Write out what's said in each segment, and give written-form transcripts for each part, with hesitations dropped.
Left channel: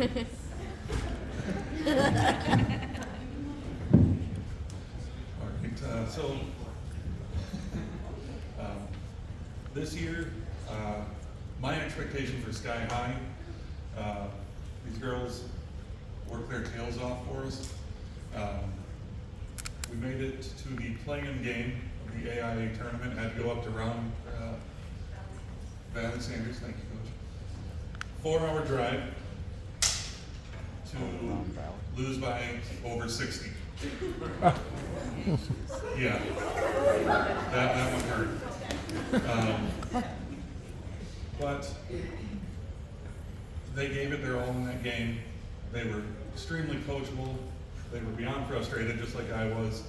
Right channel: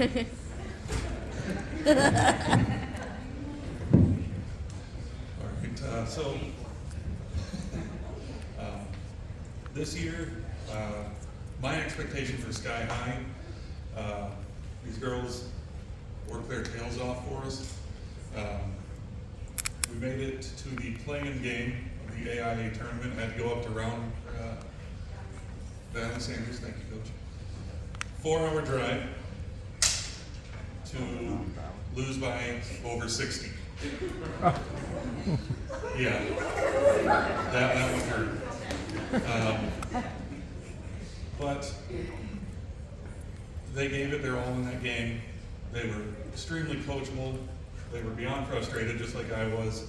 So this year, my expectation for Sky High, these girls worked their tails off for us. We made it to the play-in game of the AIA tournament. Had to go up to round Valley Sanders, thank you, Coach. 4-hour drive to lose by over 60. Yeah, that would hurt. But they gave it their all in that game. They were extremely coachable. They were beyond frustrated, just like I was,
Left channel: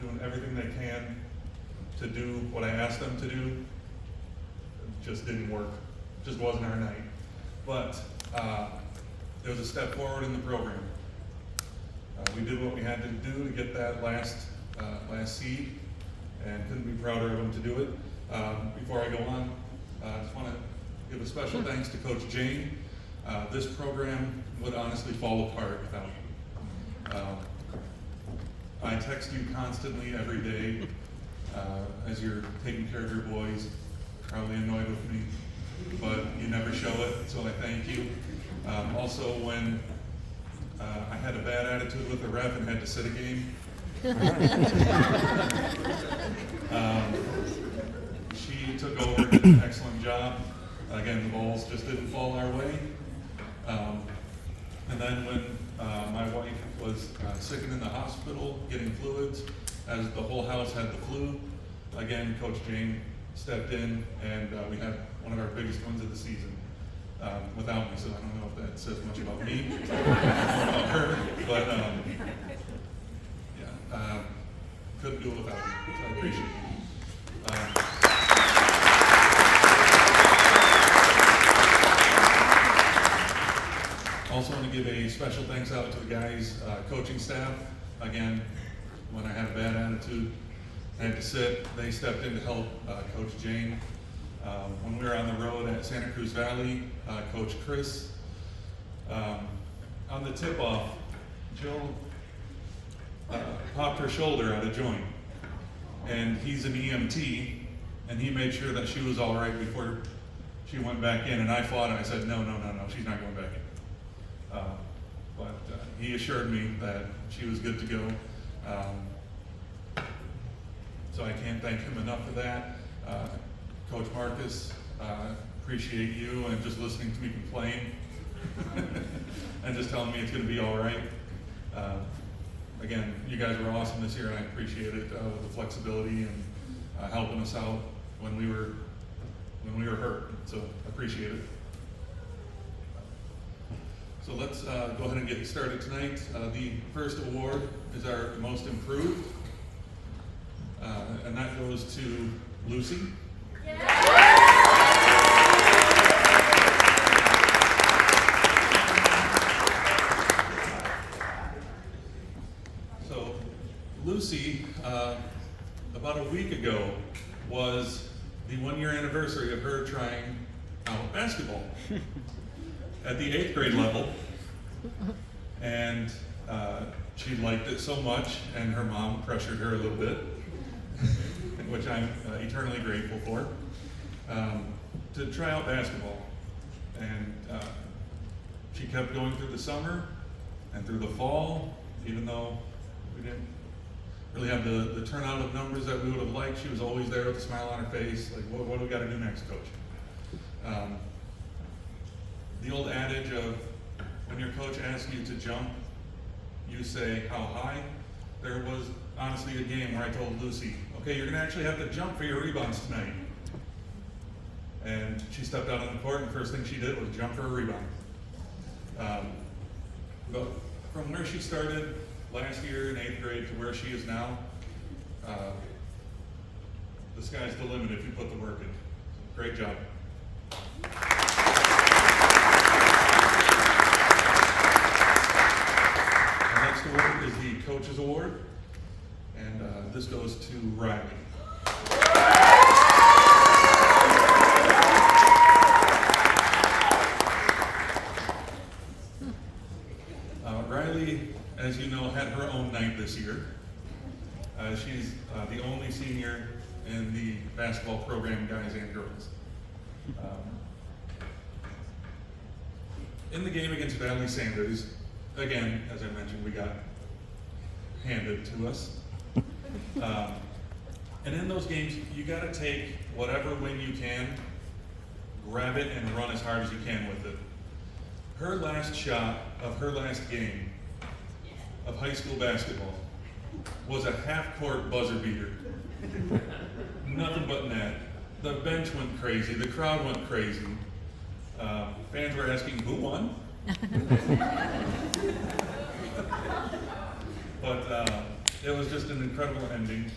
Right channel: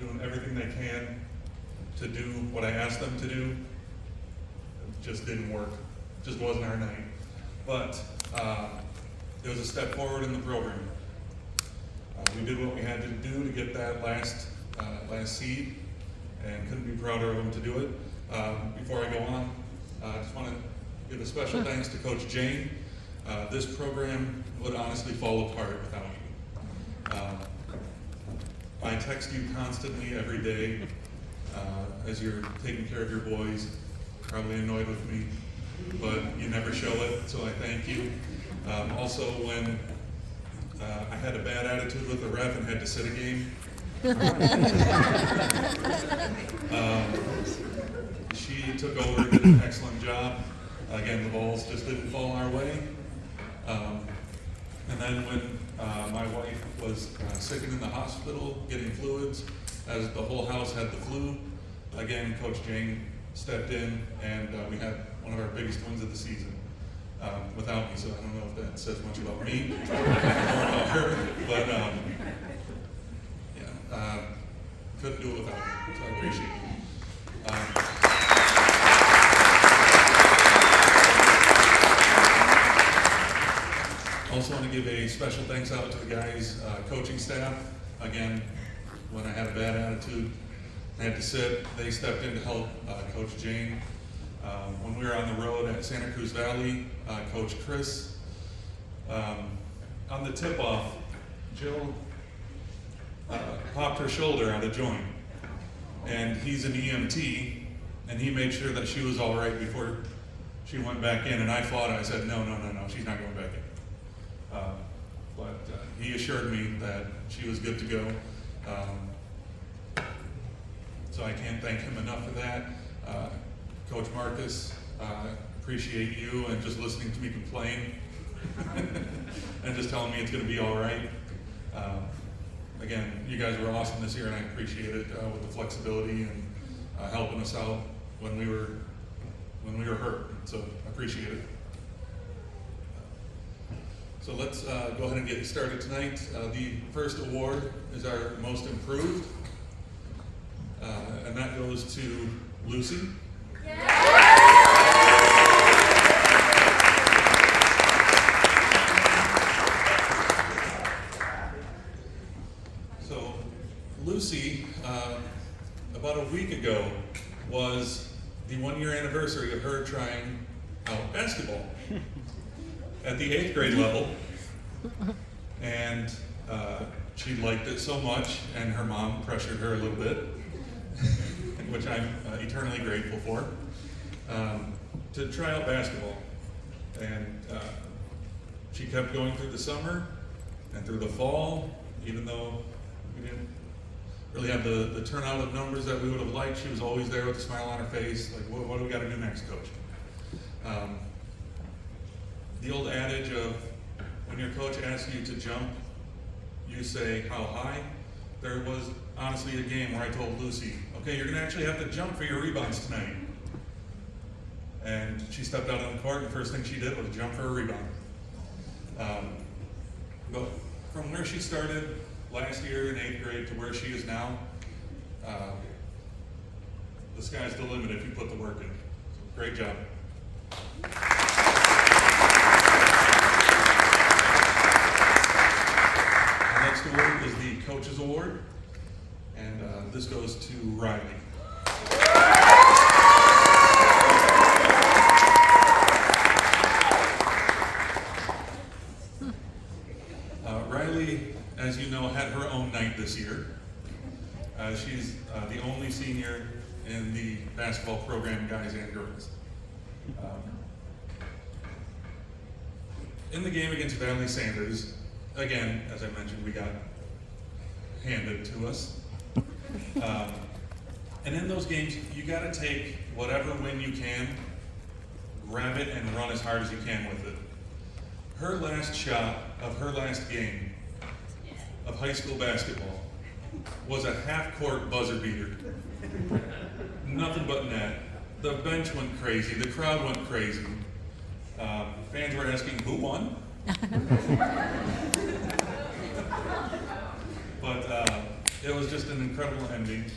doing everything they can to do what I asked them to do. It just didn't work. It just wasn't our night. But it was a step forward in the program. We did what we had to do to get that last seed, and couldn't be prouder of them to do it. Before I go on, I just want to give a special thanks to Coach Jane. This program would honestly fall apart without you. I text you constantly every day as you're taking care of your boys, probably annoyed with me, but you never show it, so I thank you. Also, when I had a bad attitude with the ref and had to sit a game, she took over, did an excellent job. Again, the balls just didn't fall in our way. And then when my wife was sitting in the hospital getting fluids, as the whole house had the flu, again, Coach Jane stepped in, and we had one of our biggest wins of the season without me. So I don't know if that says much about me or about her, but couldn't do it without you. So I appreciate it. Also want to give a special thanks out to the guys' coaching staff. Again, when I had a bad attitude, I had to sit, they stepped in to help Coach Jane. When we were on the road at Santa Cruz Valley, Coach Chris, on the tip-off, Jill popped her shoulder out of joint. And he's an EMT, and he made sure that she was all right before she went back in. And I fought it. I said, no, she's not going back in. But he assured me that she was good to go. So I can't thank him enough for that. Coach Marcus, appreciate you and just listening to me complain and just telling me it's going to be all right. Again, you guys were awesome this year, and I appreciate it with the flexibility and helping us out when we were hurt. So I appreciate it. So let's go ahead and get started tonight. The first award is our most improved, and that goes to Lucy. So Lucy, about a week ago, was the 1-year anniversary of her trying out basketball at the 8th grade level, and she liked it so much, and her mom pressured her a little bit, which I'm eternally grateful for, to try out basketball. And she kept going through the summer and through the fall, even though we didn't really have the turnout of numbers that we would have liked. She was always there with a smile on her face, like, what do we got to do next, Coach? The old adage of when your coach asks you to jump, you say, how high? There was honestly a game where I told Lucy, okay, you're going to actually have to jump for your rebounds tonight. And she stepped out on the court, and the first thing she did was jump for a rebound. But from where she started last year in 8th grade to where she is now, the sky's the limit if you put the work in. So great job. The next award is the Coaches Award, and this goes to Riley. in the basketball program, guys and girls. In the game against Valley Sanders, again, as I mentioned, we got handed to us. And in those games, you got to take whatever win you can, grab it, and run as hard as you can with it. Her last shot of her last game of high school basketball was a half-court buzzer beater. Nothing but net. The bench went crazy. The crowd went crazy. Fans were asking, who won? But it was just an incredible ending.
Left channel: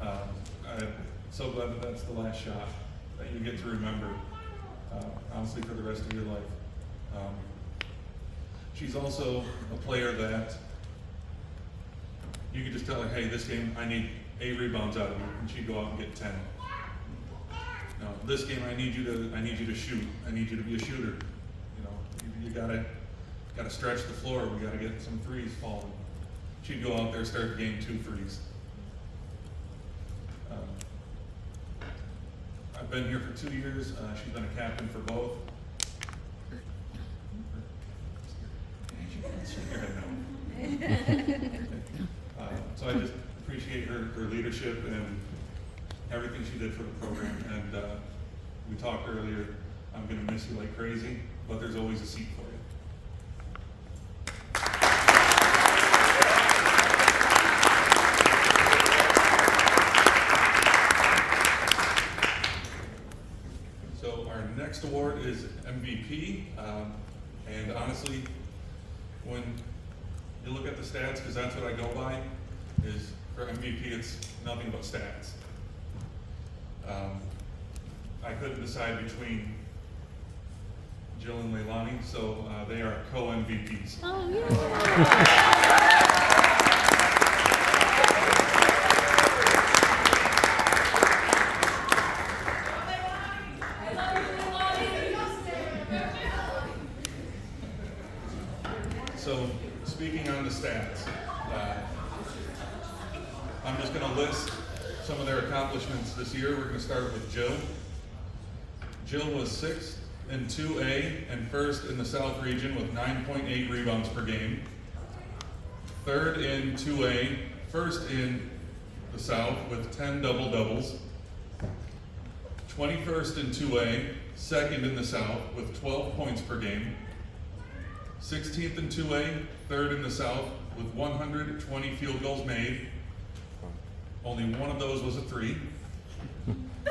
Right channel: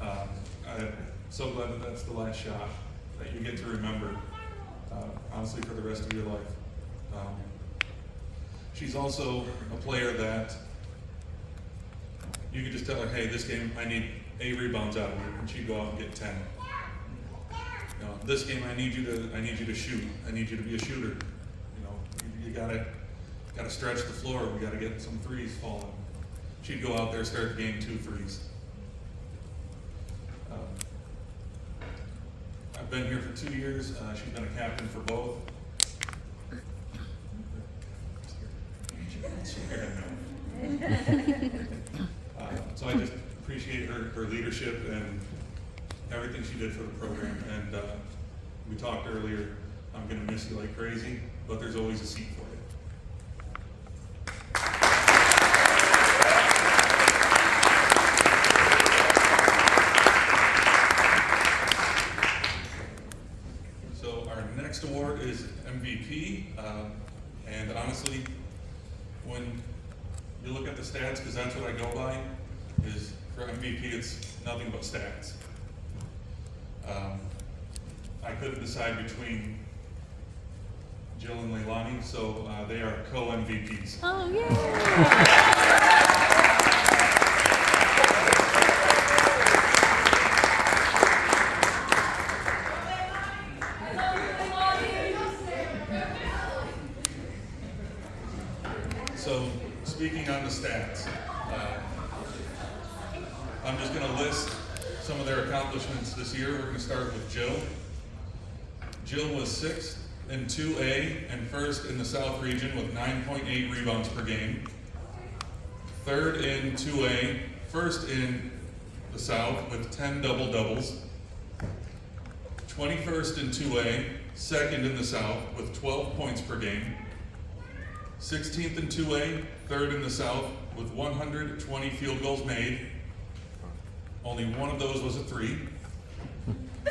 I'm so glad that that's the last shot that you get to remember, honestly, for the rest of your life. She's also a player that you could just tell her, hey, this game I need 8 rebounds out of you, and she'd go out and get 10. You know, this game I need you to shoot. I need you to be a shooter. You know, you gotta stretch the floor. We gotta get some threes falling. She'd go out there, start the game 2 threes. I've been here for 2 years. She's been a captain for both. So I just appreciate her leadership and everything she did for the program. And we talked earlier, I'm going to miss you like crazy, but there's always a seat for you. So our next award is MVP. And honestly, when you look at the stats, because that's what I go by, is for MVP it's nothing but stats. I couldn't decide between Jill and Leilani, so they are co-MVPs. Oh, yeah. So, speaking on the stats, I'm just going to list some of their accomplishments this year. We're going to start with Jill. Jill was 6th in 2A and 1st in the South region with 9.8 rebounds per game. 3rd in 2A, 1st in the South with 10 double-doubles. 21st in 2A, 2nd in the South with 12 points per game. 16th in 2A, 3rd in the South with 120 field goals made. Only one of those was a 3.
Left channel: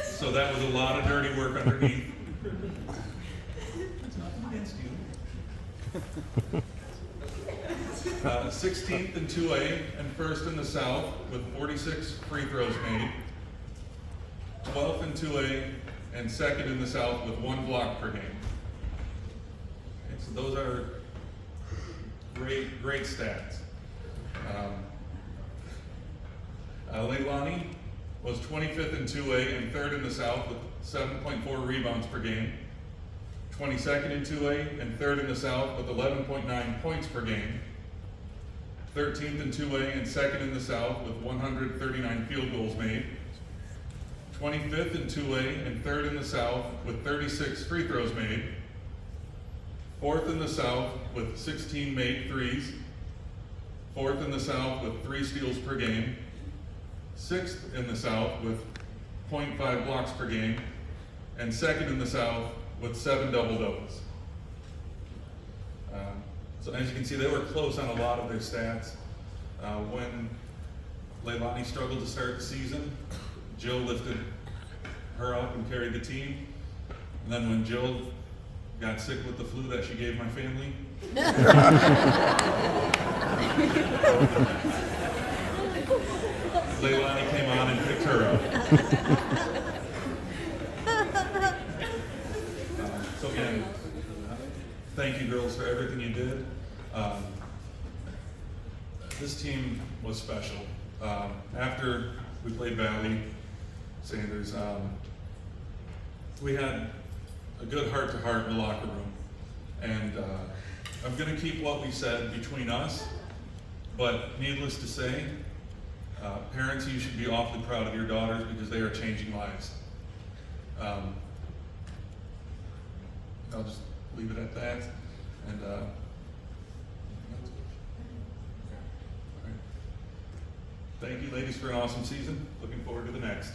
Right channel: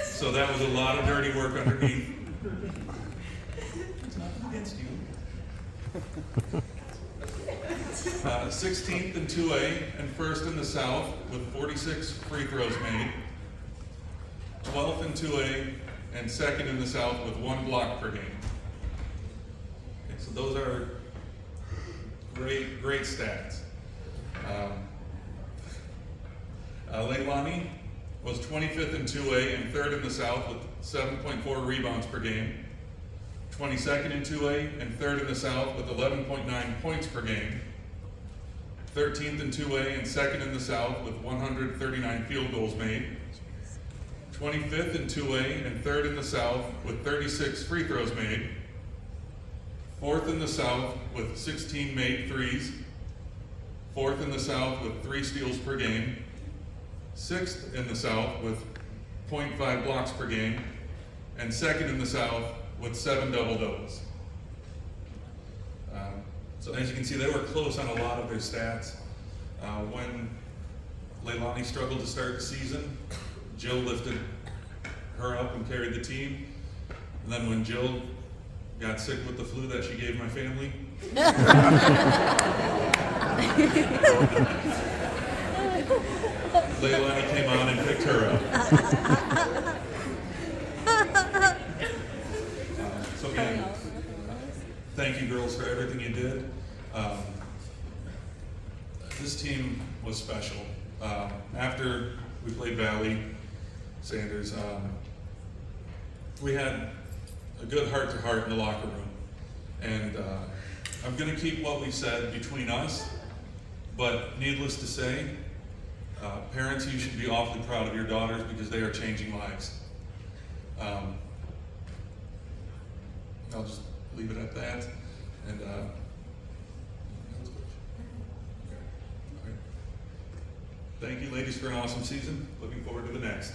So that was a lot of dirty work underneath. It's nothing against you. 16th in 2A and 1st in the South with 46 free throws made. 12th in 2A and 2nd in the South with 1 block per game. Okay, so those are great stats. Leilani was 25th in 2A and 3rd in the South with 7.4 rebounds per game. 22nd in 2A and 3rd in the South with 11.9 points per game. 13th in 2A and 2nd in the South with 139 field goals made. 25th in 2A and 3rd in the South with 36 free throws made. 4th in the South with 16 made threes. 4th in the South with 3 steals per game. 6th in the South with 0.5 blocks per game. And 2nd in the South with 7 double-doubles. So as you can see, they were close on a lot of their stats. When Leilani struggled to start the season, Jill lifted her up and carried the team. And then when Jill got sick with the flu that she gave my family, Leilani came on and picked her up. So again, thank you girls for everything you did. This team was special. After we played Valley Sanders, we had a good heart-to-heart in the locker room. And I'm going to keep what we said between us, but needless to say, Parents, you should be awfully proud of your daughters because they are changing lives. I'll just leave it at that. And thank you, ladies, for an awesome season. Looking forward to the next.